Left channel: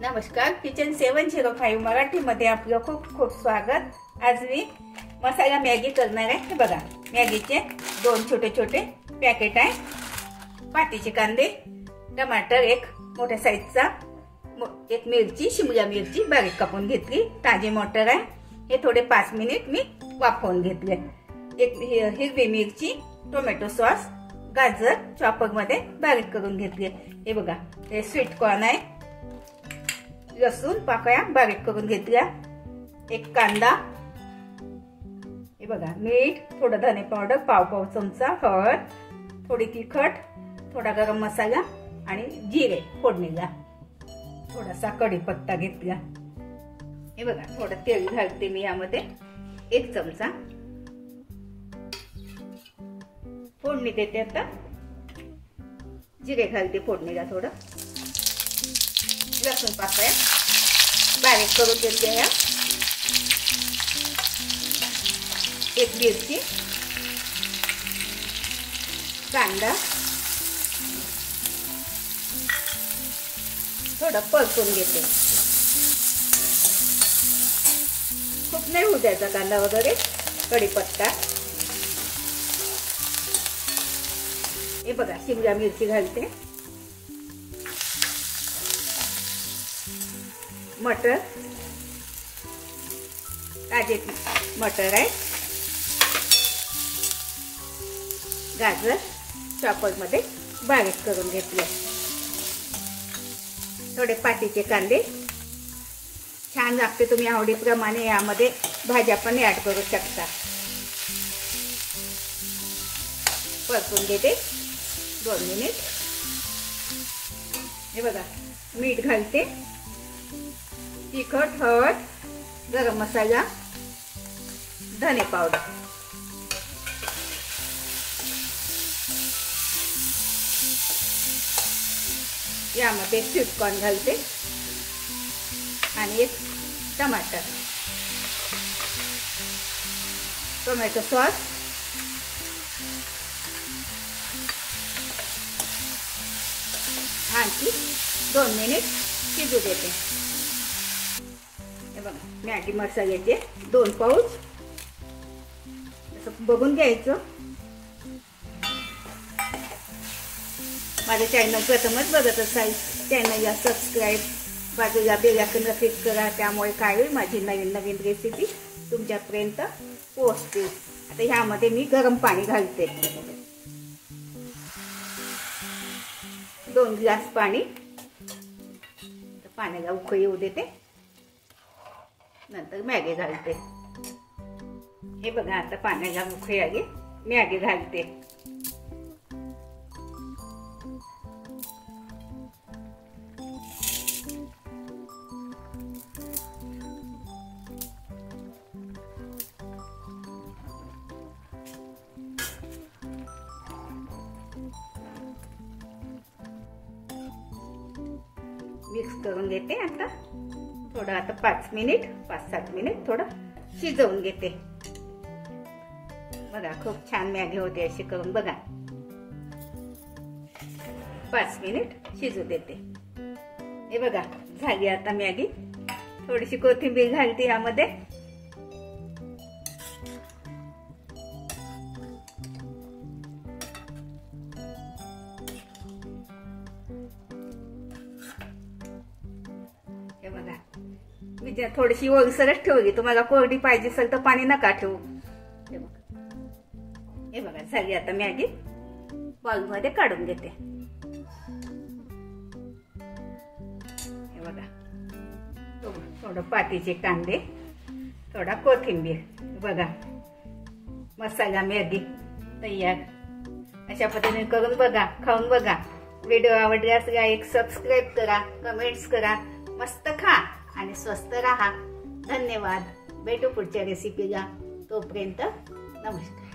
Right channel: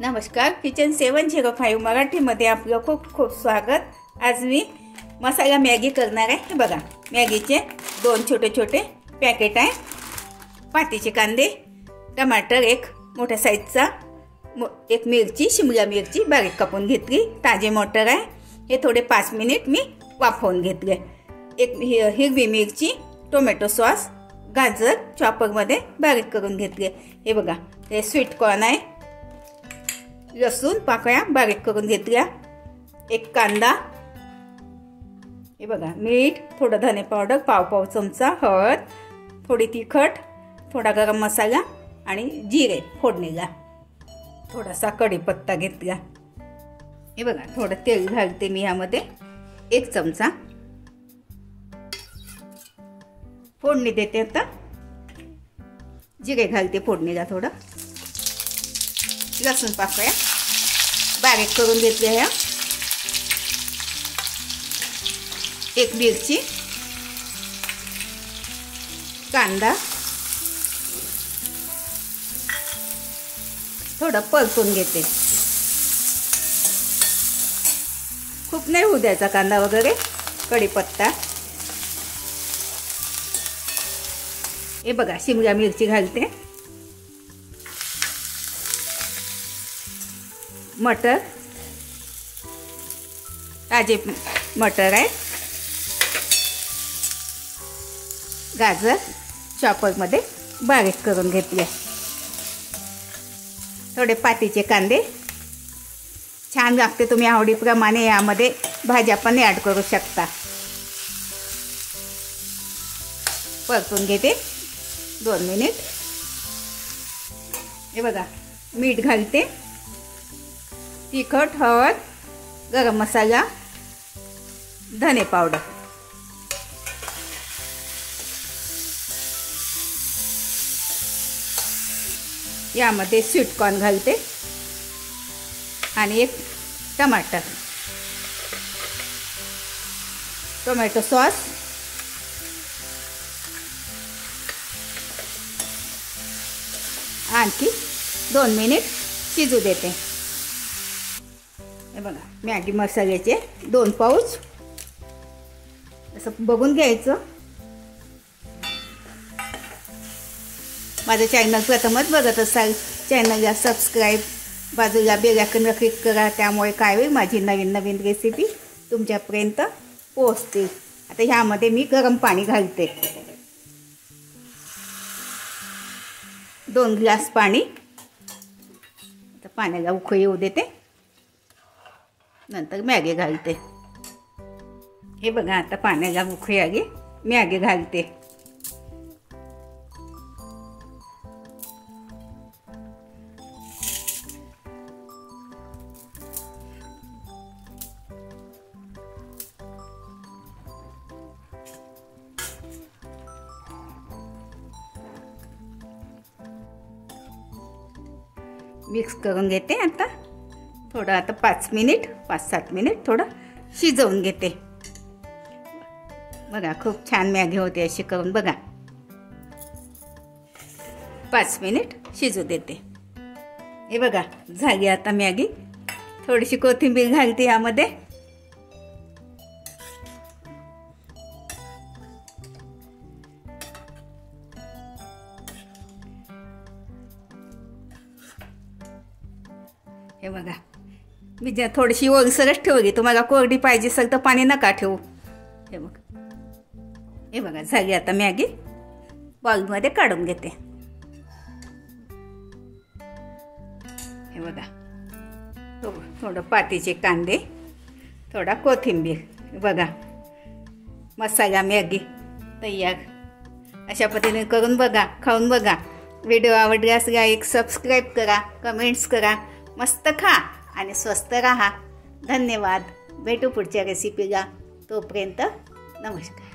नमस्कार, किचन 705 मराठीमध्ये आपलं खूप खूप स्वागत। आज मी मसाला मॅगी करणार आहे। हे बघा, मॅगीचे 2 छोटे छोटे पॅकेट आहे, पातीचे कांदे, टमाटर एक मोठ्या साईजचा, एक मिरची शिमला मिरची बारीक कापून घेतली, ताजे मटर आहे, हे थोडे 5 मिनिट मी वाफवून घेतले, एक हिरवी मिरची, टोमॅटो सॉस, गाजर चॉपर मध्ये बारीक करून घेतले। हे बघा, हे स्वीट कॉर्न आहे, लसूण पाकळ्या बारीक करून घेतल्या, एक कांदा, हे बघा मीठ, थोडा धने पावडर पाव चमचा, हळद, थोडी तिखट, थोडा गरम मसाला आणि जिरे फोडणीला, थोडासा कढीपत्ता घेतला। हे बघा, थोडं तेल घालते मी यामध्ये, 1 चमचा फोडणी देते। आता जिरे घालते फोडणीला, थोडं लसूण पाकळ्या बारीक करून घेतलेल्या, एक मिरची, कांदा थोडं परतून घेते, खूप नाही होऊ द्यायचा कांदा वगैरे, कढीपत्ता, हे बघा शिमला मिरची घालते, मटर, ताजे मटर आहे, गाजर चॉपर मध्ये बारीक करून घेतले, थोडे पातीचे कांदे, छान लागते, तुम्ही आवडीप्रमाणे यामध्ये भाज्या पण ऍड करू शकता। परतून घेते 2 मिनिट। हे बघा, मीठ घालते, तिखट, हळद, गरम मसाला, धने पावडर, यामध्ये स्वीट कॉर्न घालते आणि एक टमाटर, टोमॅटो सॉस, आणखी 2 मिनिट शिजू देते। हे बघा, मॅगी मसाल्याचे 2 पाऊच असं बघून घ्यायचं। माझं चॅनल प्रथमच बघत असाल, चॅनलला सबस्क्राईब, बाजूला बेल आयकॉन क्लिक करा, त्यामुळे काय होईल माझी नवीन नवीन रेसिपी तुमच्यापर्यंत पोहोचतील। आता ह्यामध्ये मी गरम पाणी घालते, 2 ग्लास पाणी, पाण्याला उकळी येऊ देते, नंतर मॅगी घालते। हे बघा, आता पाण्याला उकळी आली, मॅगी घालते, मिक्स करून घेते। आता थोडं, आता 5-7 मिनिट थोडं शिजवून घेते। बघा, खूप छान मॅगी होते अशी करून, बघा 5 मिनिट शिजू देते। हे बघा, झाली आता मॅगी, थोडीशी कोथिंबीर घालते यामध्ये, हे बघा, मी थोडीशी ओलसरच ठेवली, तुम्हाला कोरडी पाहिजे असेल तर पाणी नका ठेवू। हे बघा, झाली आता मॅगी, बाउल मध्ये काढून घेते। हे बघा, थोडं पातीचे कांदे, थोडा कोथिंबीर, बघा मसाला मॅगी तयार। अशा पद्धतीने करून बघा, खाऊन बघा। व्हिडिओ आवडल्यास लाईक, सबस्क्राईब करा, कमेंट्स करा, मस्त खा आणि स्वस्त राहा। धन्यवाद, भेटू पुढच्या रेसिपीला, तोपर्यंत नमस्कार।